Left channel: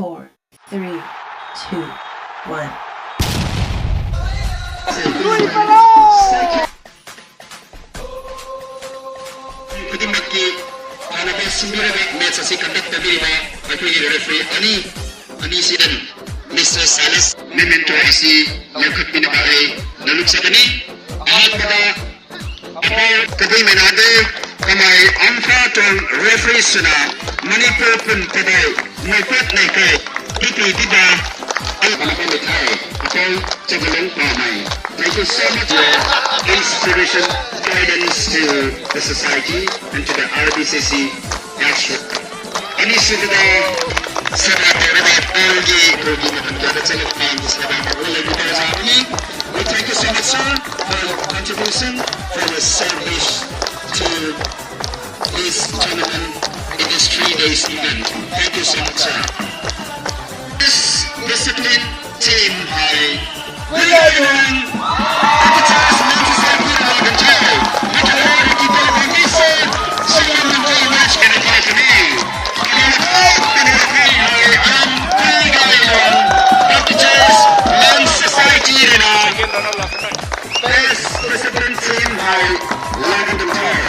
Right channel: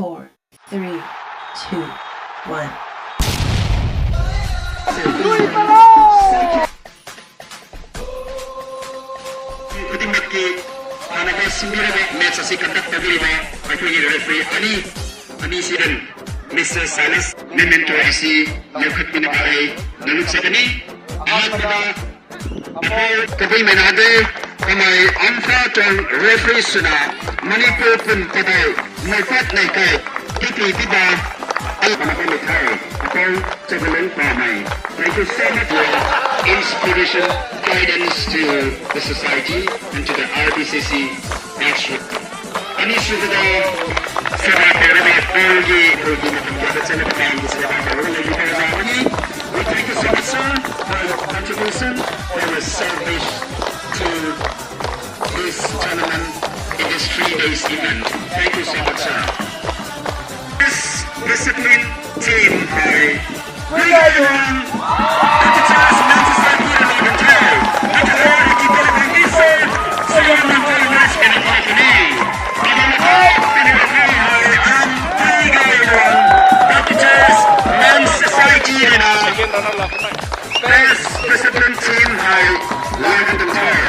4, 3, 2, 1. Kudimaki Anaka Simbirame match asi conduct tabirime akhiri referee ani sidan Mr. Salis memento asi yakut binabari daluk sakani ahat pada kabai menade kamai angka tong referee suna Manipur pun pada naik itu tidak Thank you so much for institution guidance to the society and to the RBCC national. Ini sudah sangat tinggi kerugian kepada saya yang disediakan oleh kita ini. Thank you so much sir for your contribution, for your service to this tournament in this 3 days event. Thank you so much sir. This discipline team ay Wilayong Kapitals Manchester United Control Nakaroon kita ng visa sa Manchester match in the Italy. Pinili ay ang Wilayong Kapitals Manchester United Best discipline team ay London Control.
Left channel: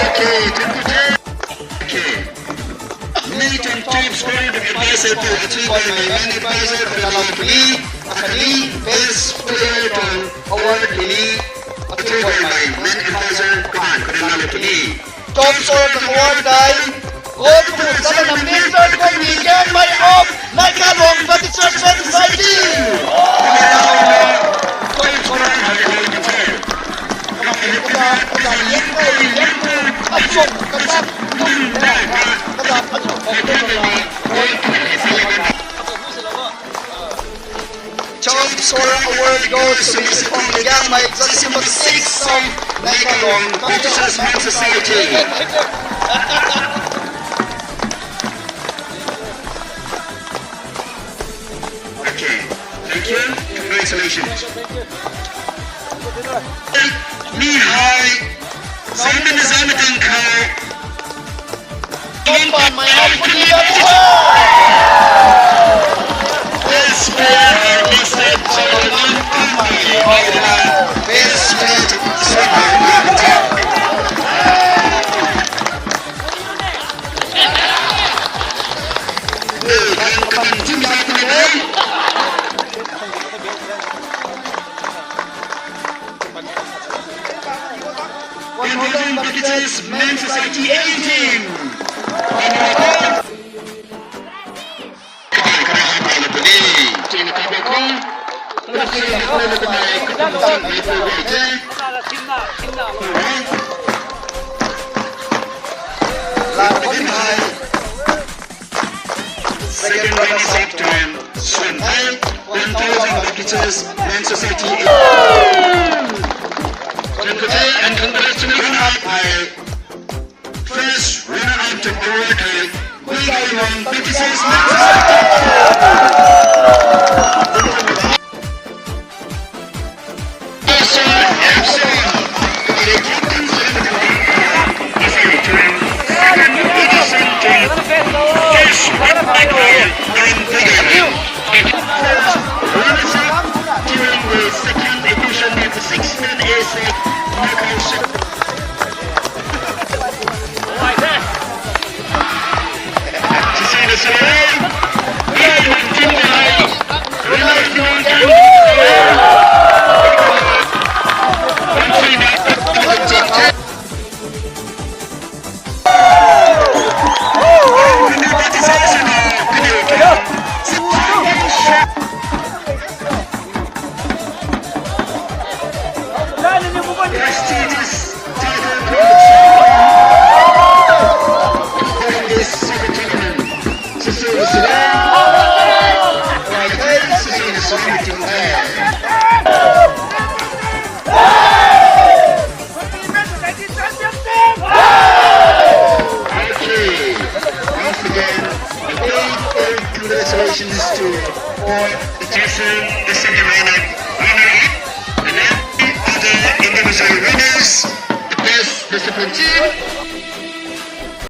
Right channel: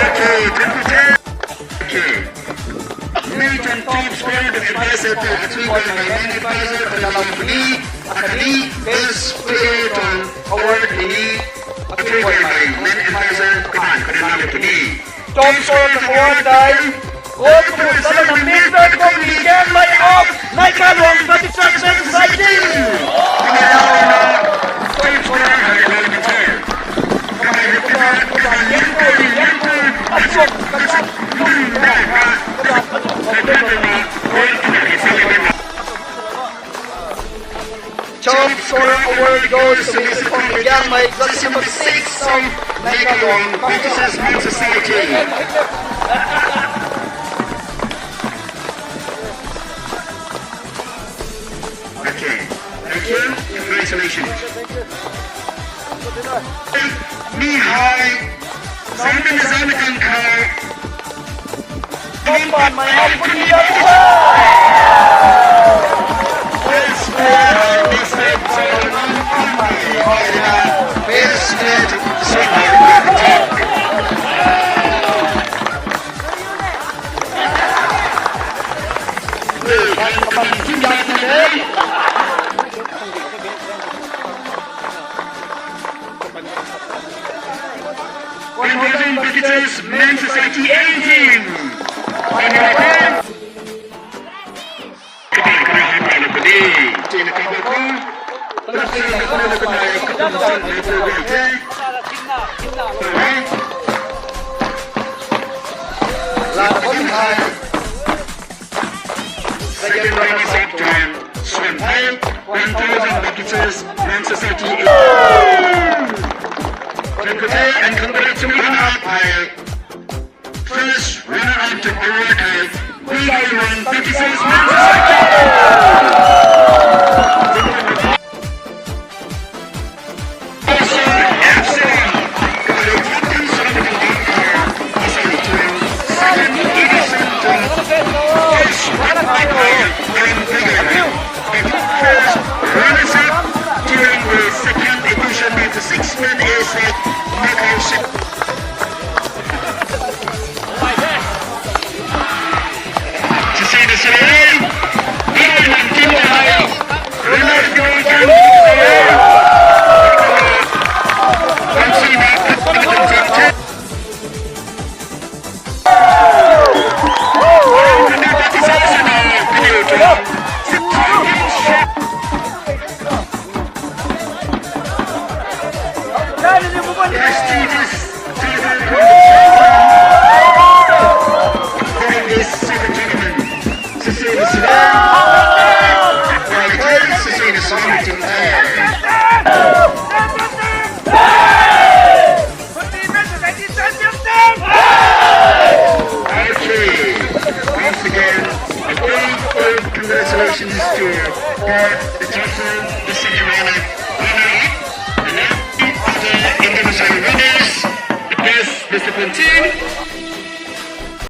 Okay, Nathan top scored advisor to achieve by main advisor dalam ini akademi best player dan award ini achieve by main advisor dalam ini top scorer ng award ay Gold Kumusta na ng Mr. Komigan may of may kalong Batitsar Society Pinaw na top scorer ng Top scorer award goes to Mr. Komigan may exam 6 of Nakalong Batitsar Society. Okay, thank you. Congratulations. Mihai, sampai na sa ating car. Tomban may opportunity Best player ay listed sa Alman Pamay. Best player sa Alman. Bakiters Men Society 18. Second runners up time, Swanpai, 1,000 Bakiters Men Society 18. And congratulations by first runner-up to award a Wilayong Kapitals kepada Captain Seramatan Bangka asal Tuan dan Edison dan Ish Michael dan Wilayong. Runners-up during the second edition of the 6-man airset Congratulations to the Joseph, the senior winner, and then other individual winners, the best Mr. Fontaine,